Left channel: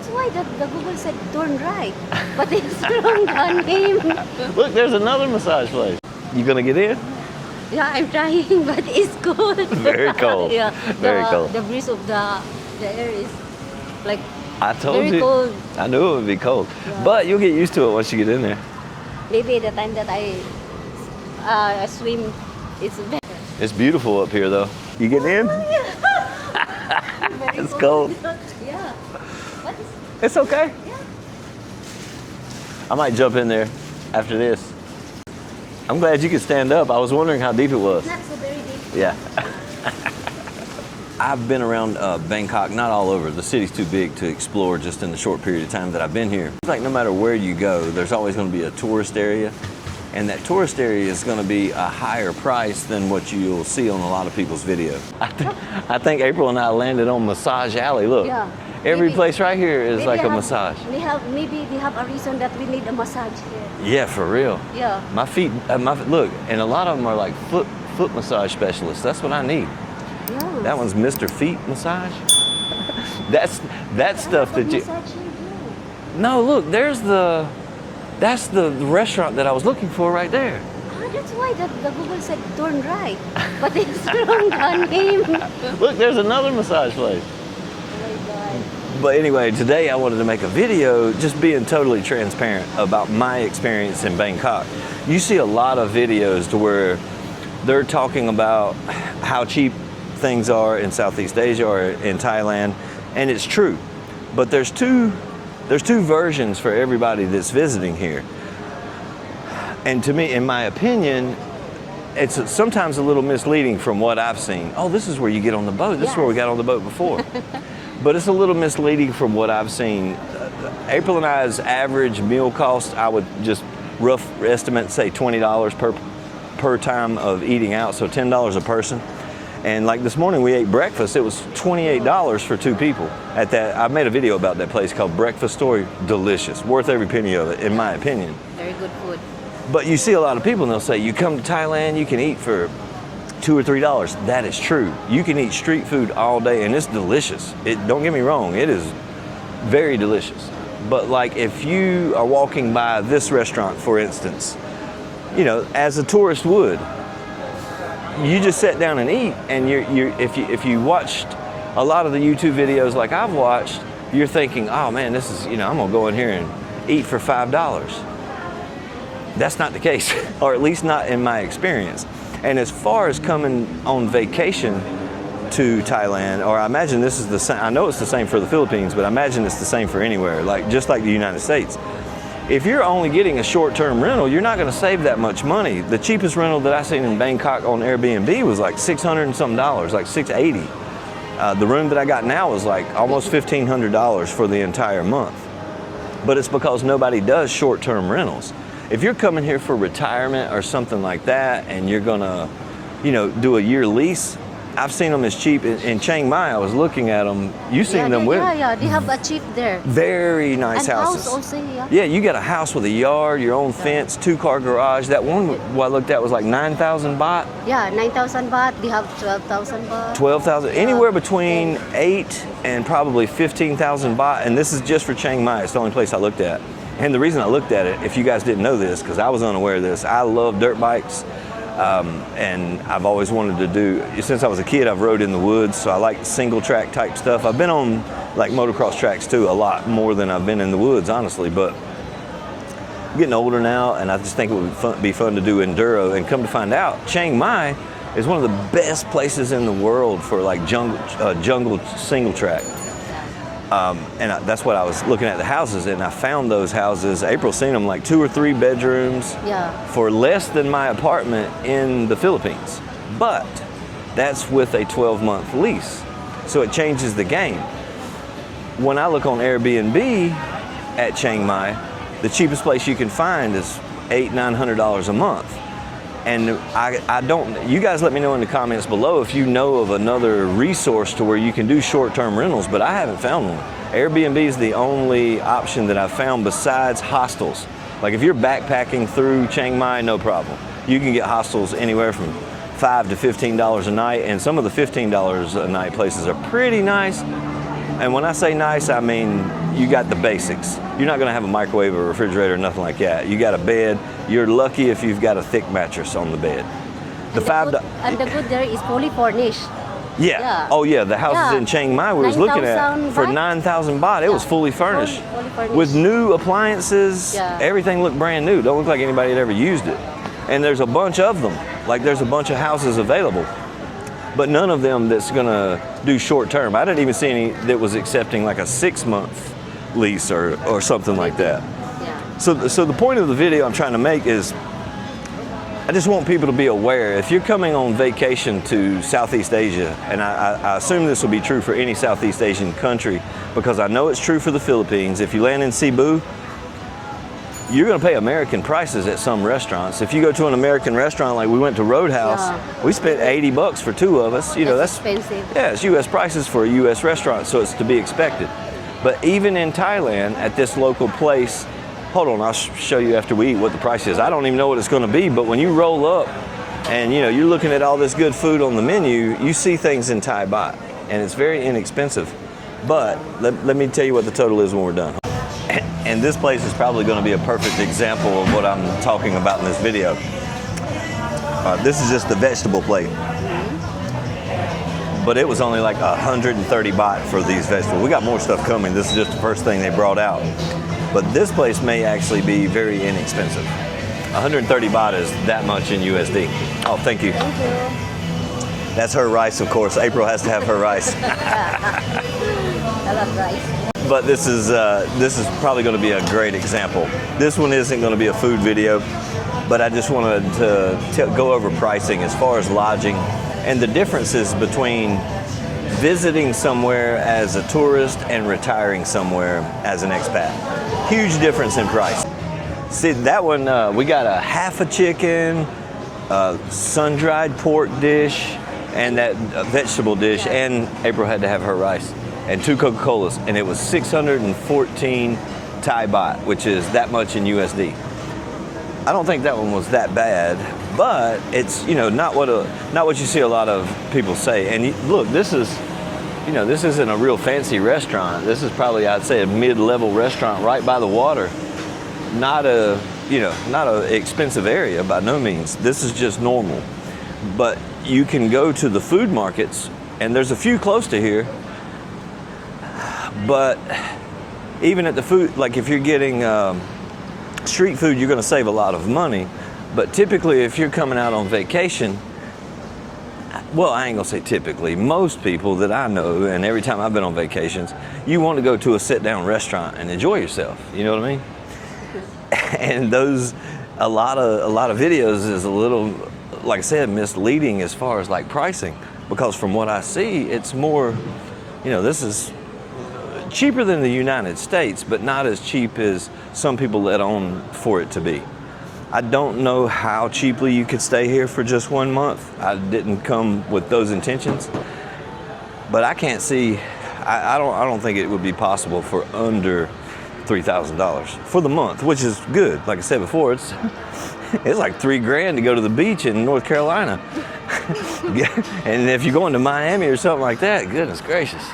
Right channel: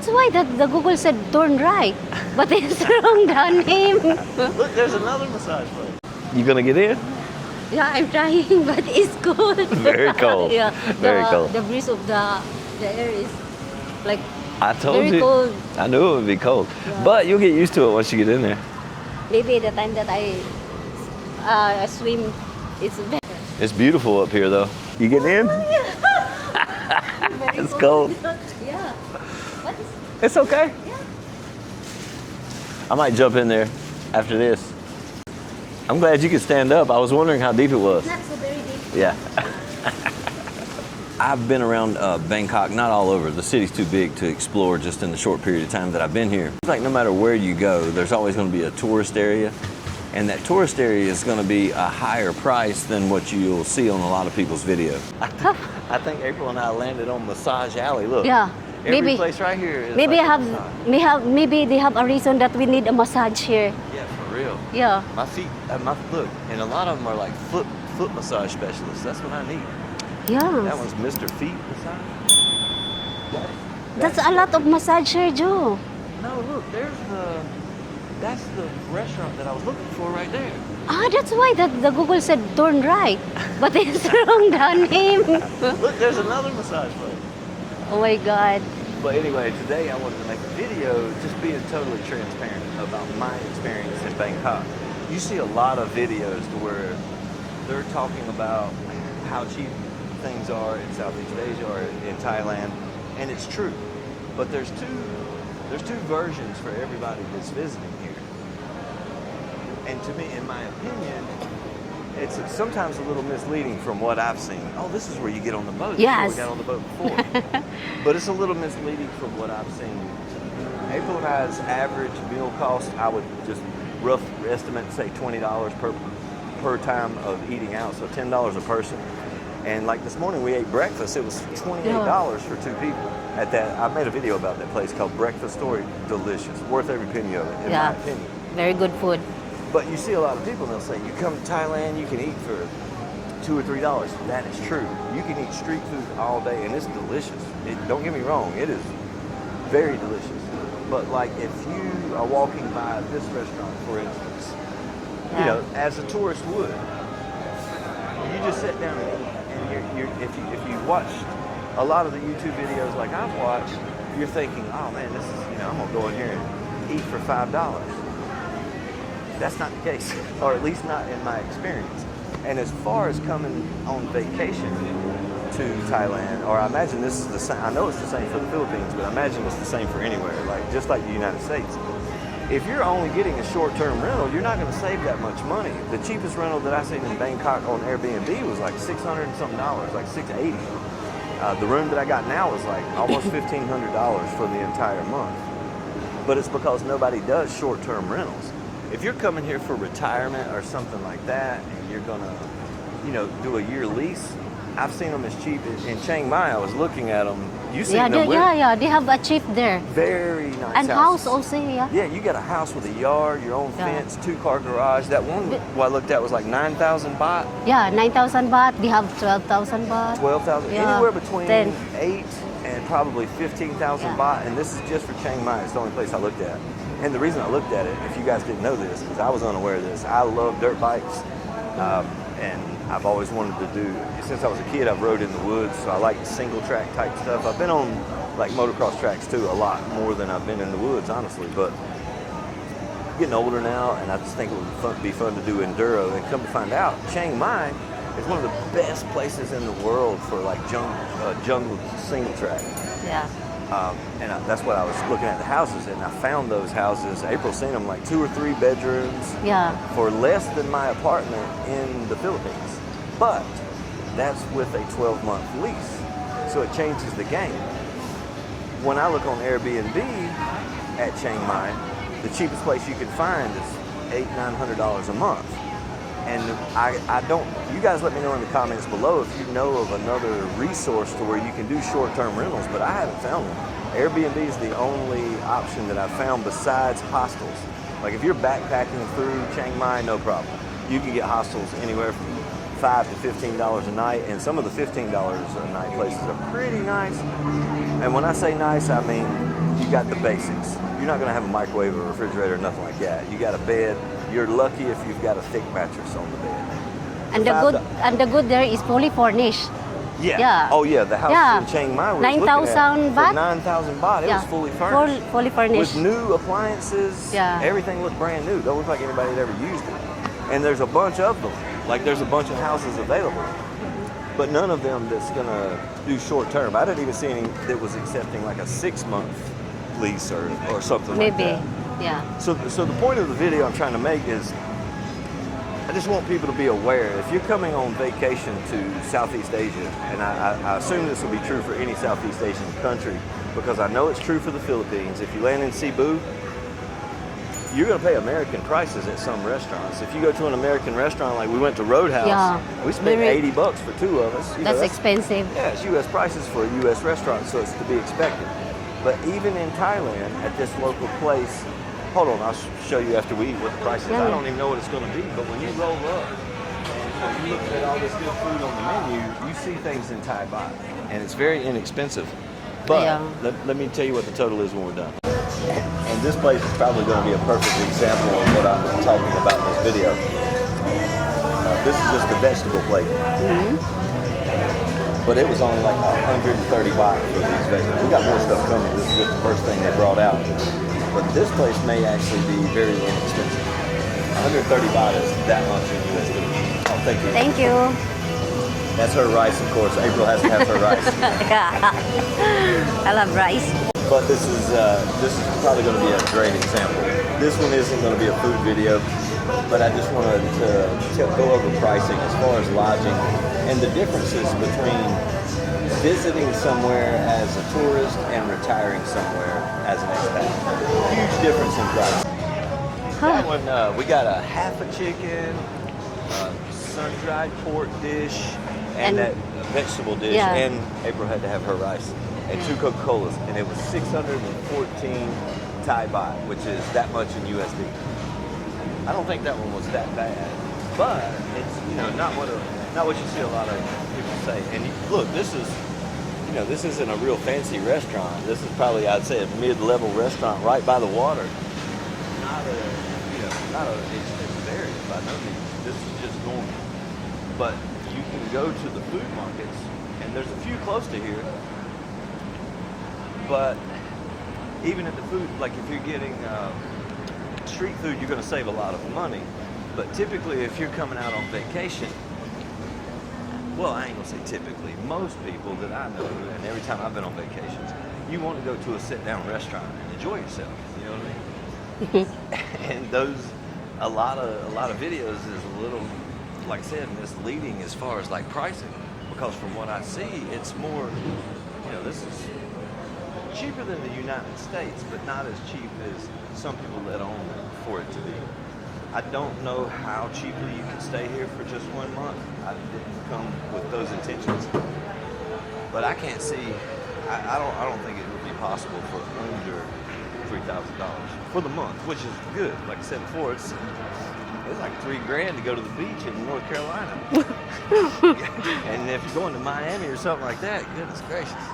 that's why the Google said turn right, but it's wrong the name. Look, there's another massage place. You gonna get in? Yeah, I'm trying, but it's cold. Very cold. Yeah, Very cold. The breeze of the air is like I told very you. cold. I knew it would be cold. Yeah. But you'll get used to it once you get in there. Maybe the time that I swim, it's better. It's beautiful up here though. You getting in? Very It's cold. Yeah. But It's okay. yeah. I might jump in there after this. I'm glad you could stand up. I was wondering how deep it was. Not so very deep. Yeah. I've been around Bangkok, not all over. The city's too big to explore just in the short period of time that I've been here. It's like no matter where you go, there's always going to be a tourist area. And that tourist area is going to be a higher price than what you'll see on a lot of people's videos. I think April and I landed on Massage Alley. Look, Yeah. every Maybe- place right here is like a massage. Maybe they have a reason that we need a massage here. Yeah, for real. Yeah. My feet, look, and a lot of them are like foot massage specialists. That's what I need. Yeah. That one's Mr. Feet Massage. That's a lot of massage here, Joe. No, look, that's the restaurant that I was looking for right there. Ah, that's why the Google said turn right, but it's wrong the name. Look, there's another massage place. Oh my God. But anyway, today I wanted to make a video just being totally transparent about my experience in Bangkok. You see a lot of videos to where they're talking about how cheap things are in Southeast Asia or in Thailand, and it's true. But there's two versions for everybody that's visiting here. And to me, in my opinion, it's sometimes a little misleading from what I've seen. Oh, this is where you get on the boat. This is where we got on the boat before. But it's a little misleading from what I've seen. April and I's average meal cost, I would just rough estimate say $20 per time of eating out, so $10 a person. And like this morning we ate breakfast, it was $28 for two people. At that, I made a video about that place called Breakfast Story. Delicious, worth every penny of it, in my opinion. Very good food. But you see a lot of people and they'll say, you come to Thailand, you can eat for $2 or $3. That is true. You can eat street food all day and it's delicious. Don't get me wrong, it is very delicious. But like if you are walking by this restaurant, for instance, you know, as a tourist would, you just sit down and eat, and if you watched a lot of the YouTube videos like I've watched, you're thinking, oh man, this is, you know, I'm gonna go in here and eat for $5. That's not the case, or at least not in my experience. And as far as coming on vacation to Thailand, or I imagine this is the same, I know it's the same for the Philippines, but I imagine it's the same for anywhere, like just like the United States. If you're only getting a short-term rental, you're not gonna save that much money. The cheapest rental that I seen in Bangkok on Airbnb was like $600 and something, like $680. The room that I got now is like almost $1,500 for the entire month. But it's because nobody does short-term rentals. If you're coming here for retirement or something like that, and you're gonna, you know, do a year lease, I've seen them as cheap. In Chiang Mai, I was looking at them. You seen them? Yeah, they have a cheap there. Very nice and houses. house also, yeah. Yeah, you got a house with a yard, your own fence, 2-car garage. That one, what I looked at was like 9,000 baht. Yeah, 9,000 baht. They have 12,000 baht. 12,000, Yeah, anywhere between 10. 8 and probably 15,000 baht. And this is just for Chiang Mai. It's the only place I looked at. And the reason I looked at it, if you guys didn't know this, because I was unaware of this, I love dirt bikes. And I've always wanted to do, since I was a kid, I've rode in the woods, so I like single track type stuff. I've been on like motocross tracks too, a lot more than I've been in the woods, honestly, but I'm getting older now, and I just think it would be fun to do enduro. And come to find out, Chiang Mai is one of the best places in the world for like jungle single track. And that's what I was looking at, the houses, and I found those houses. April seen them like 2 or 3 bedrooms for less than my apartment in the Philippines. But that's with a 12-month lease, so it changes the game. When I look on Airbnb at Chiang Mai, the cheapest place you can find is $800-900 a month. And I don't, you guys let me know in the comments below if you know of another resource to where you can do short-term rentals, but I haven't found one. Airbnb is the only option that I've found besides hostels. Like if you're backpacking through Chiang Mai, no problem. You can get hostels anywhere from $5 to $15 a night, and some of the $15 a night places are pretty nice. And when I say nice, I mean you got the basics. You're not gonna have a microwave or refrigerator or nothing like that. You got a bed. You're lucky if you've got a thick mattress on the bed. And the good there is fully furnished. Yeah. Oh yeah, the houses in Chiang Mai we was looking at for 9,000 baht. It was fully furnished. Fully furnished. With new appliances. Yeah. Everything looked brand new. Don't look like anybody had ever used it. And there's a bunch of them. Like there's a bunch of houses available. But none of them that's gonna do short term. I didn't even see any that was accepting like a 6-month lease or something like that. Yeah. So the point of the video I'm trying to make is I just want people to be aware. If you're coming on vacation to Southeast Asia, and I assume this will be true for any Southeast Asian country, because I know it's true for the Philippines. If you land in Cebu, you're going to pay American prices at some restaurants. If you go to an American restaurant, like we went to Roadhouse, we spent $80 for 2 of us. You know, that's expensive. Yeah, it's U.S. prices for a U.S. restaurant, so it's to be expected. But even in Thailand, at this local place, hold on, I'll show you after we eat what the price is. I don't even know what it's going to be, but when you roll up and you know you're looking at all this good food on the menu, you see things in Thai baht, and it's very inexpensive. But let me tell you what the total is when we're done. And this place is probably going to be a perfect example of what I'm talking about in this video. This is just the vegetable plate. But it was only like 130 baht for these vegetables. We got more stuff coming. This is just the first thing they brought out. But this place may actually be very inexpensive. 130 baht is that much in USD. Oh, thank you. Thank you. That's her rice, of course. April has to have her rice. I love rice. But this is probably going to be a great example. This one isn't going to be a food video, but I just wanted to go over pricing as far as lodging and the differences between visiting somewhere as a tourist and retiring somewhere as an expat. Huge difference in price. See, that one, we got a half a chicken, sun-dried pork dish, and that vegetable dish, and April had to have her rice, and 2 Coca-Colas, and it was 614 Thai baht, which is that much in USD. I don't think that one was that bad, but it's, you know, not what you see a lot of people say. And look, this is, you know, this isn't a real fancy restaurant. This is probably, I'd say, a mid-level restaurant right by the water. Not a, you know, not an expensive area by no means. This is just normal. But you can go to the food markets, and there's a few close to here. But even at the food, like if you're getting street food, you're going to save a lot of money. But typically, if you're coming out on vacation, well, I ain't going to say typically. Most people that I know, and every time I've been on vacations, you want to go to a sit-down restaurant and enjoy yourself. You know what I mean? And a lot of videos is a little, like I said, misleading as far as like pricing, because from what I see, it's more, you know, this is cheaper than the United States, but not as cheap as some people let on for it to be. I don't know how cheaply you could stay here for just 1 month. I didn't come with those intentions, but I can't see. I don't think it would be possible for under $3,000 for the month, which is good. Like I said before, it's like $3 grand to go to the beach in North Carolina. And if you're going to Miami or something like that, goodness gracious.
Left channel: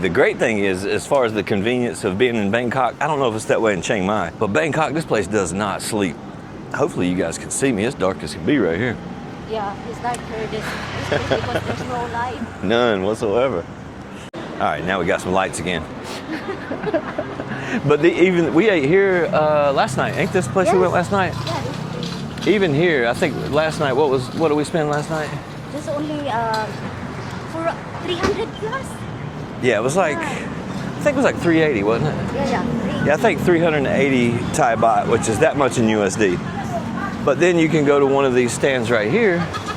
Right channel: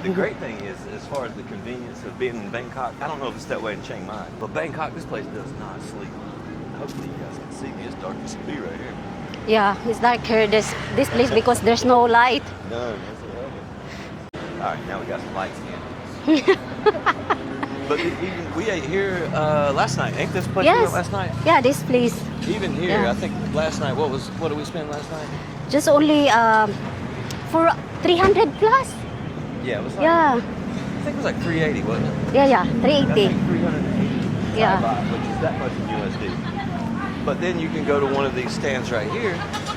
The great thing is, as far as the convenience of being in Bangkok, I don't know if it's that way in Chiang Mai, but Bangkok, this place does not sleep. Hopefully you guys can see me. It's dark as can be right here. Yeah, it's dark here, this place, because there's no light. None whatsoever. All right, now we got some lights again. But even we ate here last night. Ain't this place we went last night? Yeah, this place. Even here, I think last night, what did we spend last night? Just only for 300 plus. Yeah, it was like, I think it was like 380, wasn't it? Yeah, 380. Yeah, I think 380 Thai baht, which is that much in USD. But then you can go to one of these stands right here.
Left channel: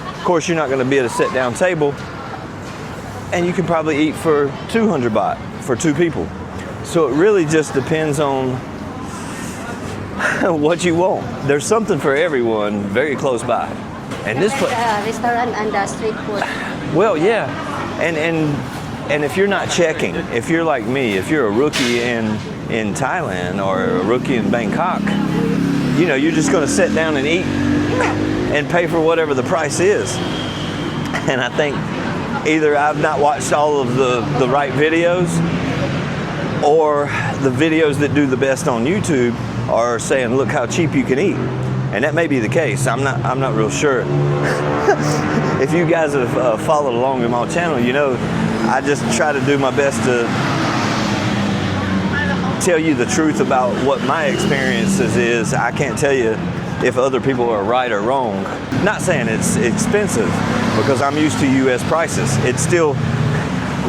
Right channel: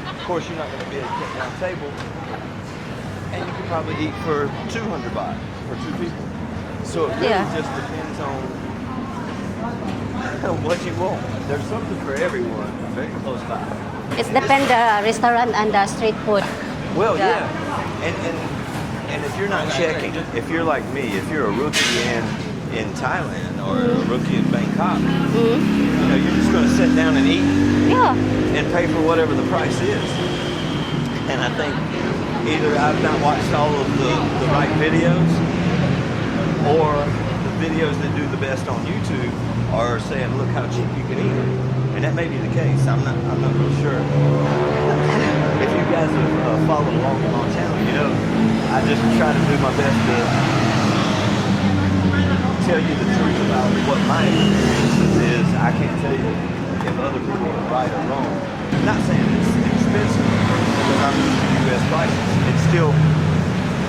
Of course, you're not going to be at a sit-down table, and you can probably eat for 200 baht for 2 people. So it really just depends on what you want. There's something for everyone very close by. It depends the restaurant and the street food. Well, yeah. And if you're not checking, if you're like me, if you're a rookie in Thailand or a rookie in Bangkok, you know, you're just going to sit down and eat and pay for whatever the price is. And I think either I've not watched all of the right videos, or the videos that do the best on YouTube are saying, look how cheap you can eat. And that may be the case. I'm not real sure. If you guys have followed along in my channel, you know I just try to do my best to tell you the truth about what my experiences is. I can't tell you if other people are right or wrong. Not saying it's expensive, because I'm used to U.S. prices. It's still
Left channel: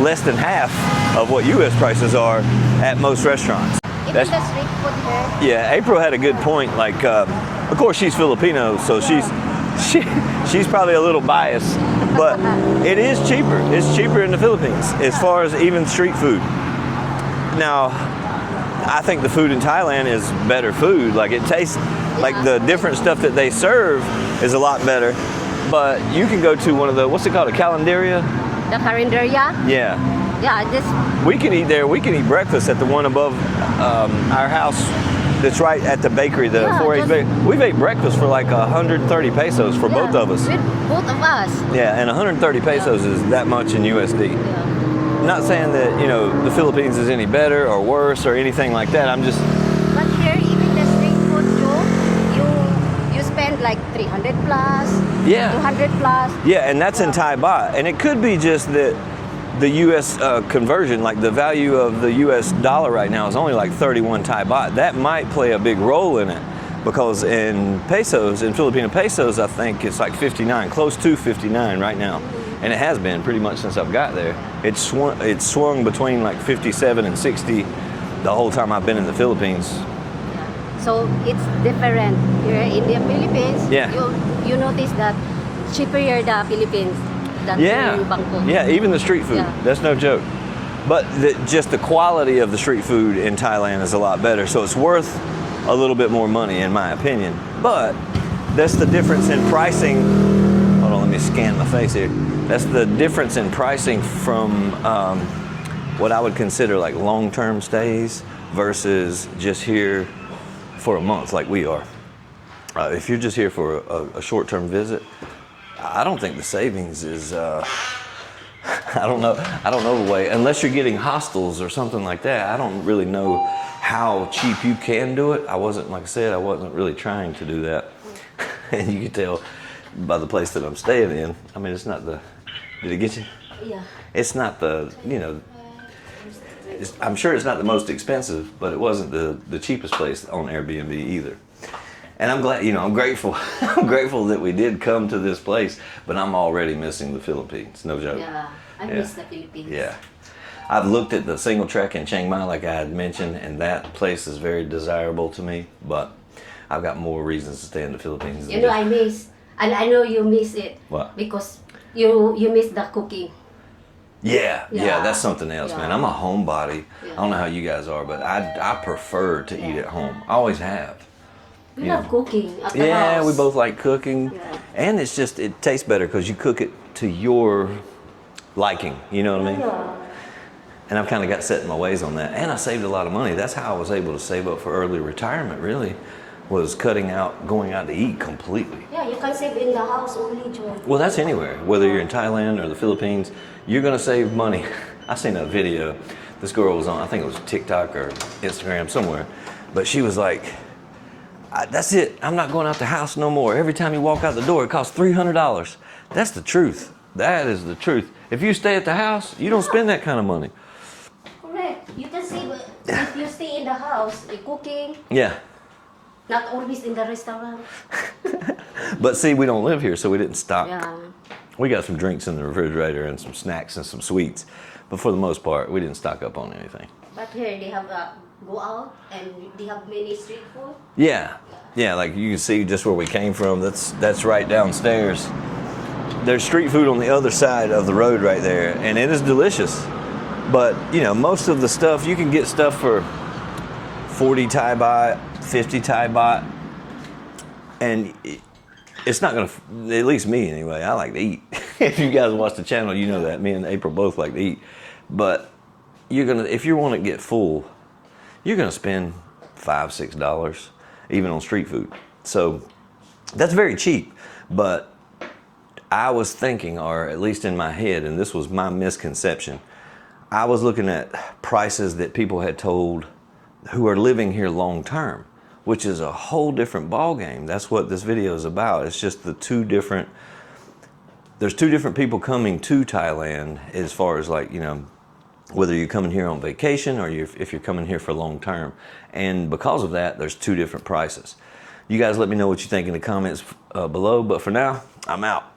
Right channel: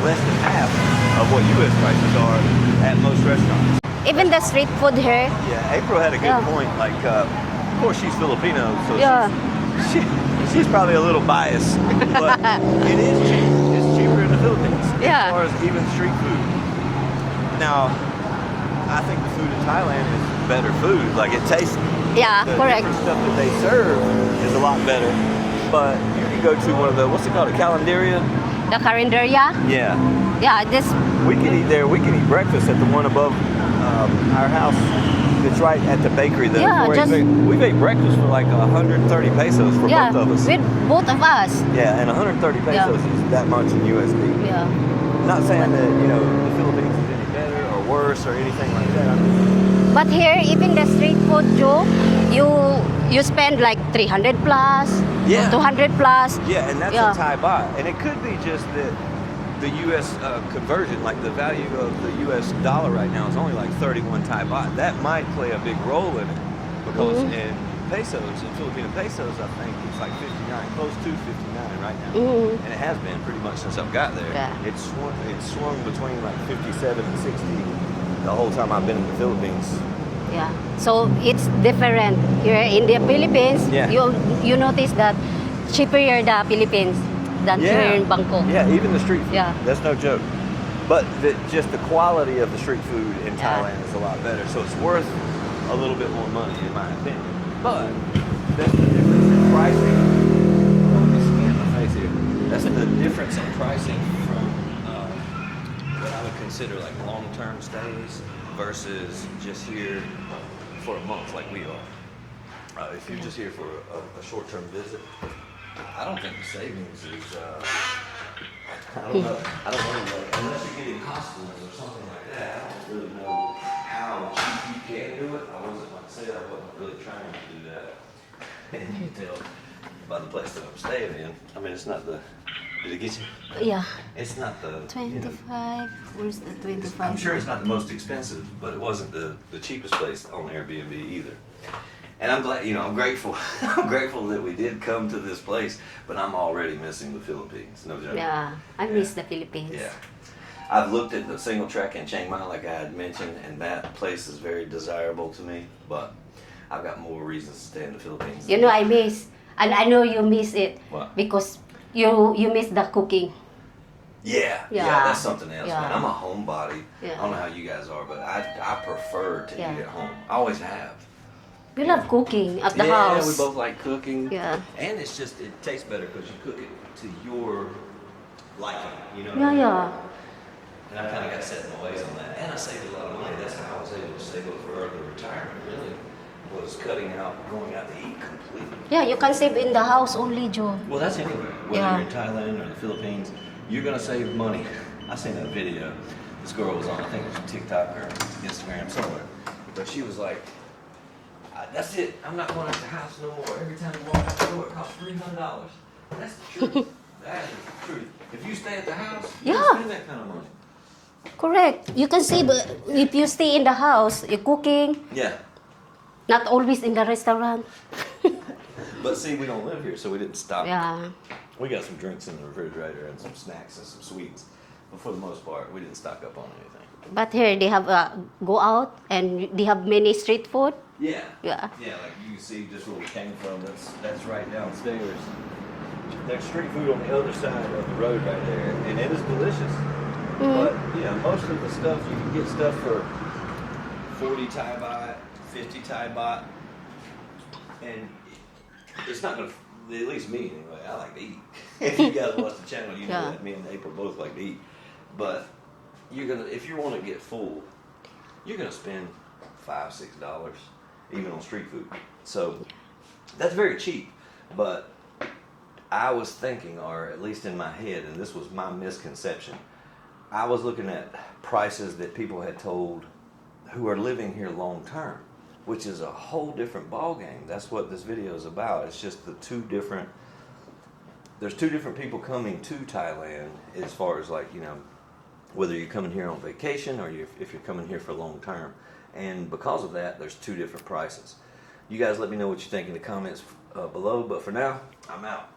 less than half of what U.S. prices are at most restaurants. Even the street food here. Yeah, April had a good point. Like, of course, she's Filipino, so she's probably a little biased, but it is cheaper. It's cheaper in the Philippines as far as even street food. Now, I think the food in Thailand is better food. Like, it tastes like the different stuff that they serve is a lot better. But you can go to one of the, what's it called, a calendaria? The calendaria? Yeah. Yeah, this. We can eat there. We can eat breakfast at the one above our house. That's right at the bakery. We've ate breakfast for like 130 pesos for both of us. With both of us. Yeah, and 130 pesos is that much in USD. Yeah. Not saying that, you know, the Philippines is any better or worse or anything like that. I'm just. But here, even the street food too, you spend like 300 plus, 200 plus. Yeah, and that's in Thai baht. And it could be just that the U.S. Conversion, like the value of the U.S. dollar right now is only like 31 Thai baht. That might play a big role in it, because in pesos, in Filipino pesos, I think it's like 59, close to 59 right now. And it has been pretty much since I've got there. Yeah. It's swung between like 57 and 60 the whole time I've been in the Philippines. Yeah, so it's different. Here in the Philippines, you notice that cheaper here in the Philippines than here in Bangkok. Yeah, even the street food. That's no joke. But just the quality of the street food in Thailand is a lot better. So it's worth a little bit more money, in my opinion. But that's the difference in pricing. Hold on, let me scan my face here. That's the difference in pricing from what I would consider like long-term stays versus just here for a month like we are. If you're just here for a short-term visit, I don't think the savings is, I don't know the way, unless you're getting hostels or something like that. I don't really know how cheap you can do it. I wasn't, like I said, I wasn't really trying to do that. And you can tell by the place that I'm staying in. I mean, it's not the, did it get you? Yeah. It's not the, 25, you know, where's the 25? I'm sure it's not the most expensive, but it wasn't the cheapest place on Airbnb either. And I'm glad, you know, I'm grateful. I'm grateful that we did come to this place, but I'm already missing the Philippines, no joke. Yeah, I miss the Philippines. Yeah. I've looked at the single track in Chiang Mai, like I had mentioned, and that place is very desirable to me, but I've got more reasons to stay in the Philippines. You know, I miss, and I know you miss it. What? Because you miss the cooking. Yeah, that's something else, man. I'm a homebody. Yeah. I don't know how you guys are, but I prefer to eat at home. I always have. We love cooking at the house. Yeah, we both like cooking. Yeah. And it's just, it tastes better because you cook it to your liking, you know what I mean? Yeah. And I've kind of got set in my ways on that. And I saved a lot of money. That's how I was able to save up for early retirement, really, was cutting out, going out to eat completely. Yeah, you can save in the house only, John. Well, that's anywhere. Whether you're in Thailand or the Philippines, you're going to save money. I seen a video. This girl was on, I think it was TikTok or Instagram, somewhere. But she was like, that's it. I'm not going out the house no more. Every time you walk out the door, it costs $300. That's the truth. That is the truth. If you stay at the house, you don't spend that kind of money. Correct. You can save if you stay in the house, cooking. Yeah. Not always in the restaurant. But see, we don't live here, so we didn't stock. Yeah. We got some drinks in the refrigerator and some snacks and some sweets. But for the most part, we didn't stock up on anything. But here they have go out and they have many street food. Yeah. Yeah. Yeah, like you can see just where we came from. That's right downstairs. There's street food on the other side of the road right there, and it is delicious. But, you know, most of the stuff, you can get stuff for 40 Thai baht, 50 Thai baht, and it's not going to, at least me anyway, I like to eat. If you guys watch the channel, you know that. Me and April both like to eat. But you're going to, if you want to get full, you're going to spend $5, $6 even on street food. So that's very cheap. But I was thinking, or at least in my head, and this was my misconception, I was looking at prices that people had told who are living here long term, which is a whole different ball game. That's what this video is about. It's just there's two different people coming to Thailand as far as like, you know, whether you're coming here on vacation or if you're coming here for long term. And because of that, there's two different prices. You guys let me know what you think in the comments below, but for now, I'm out.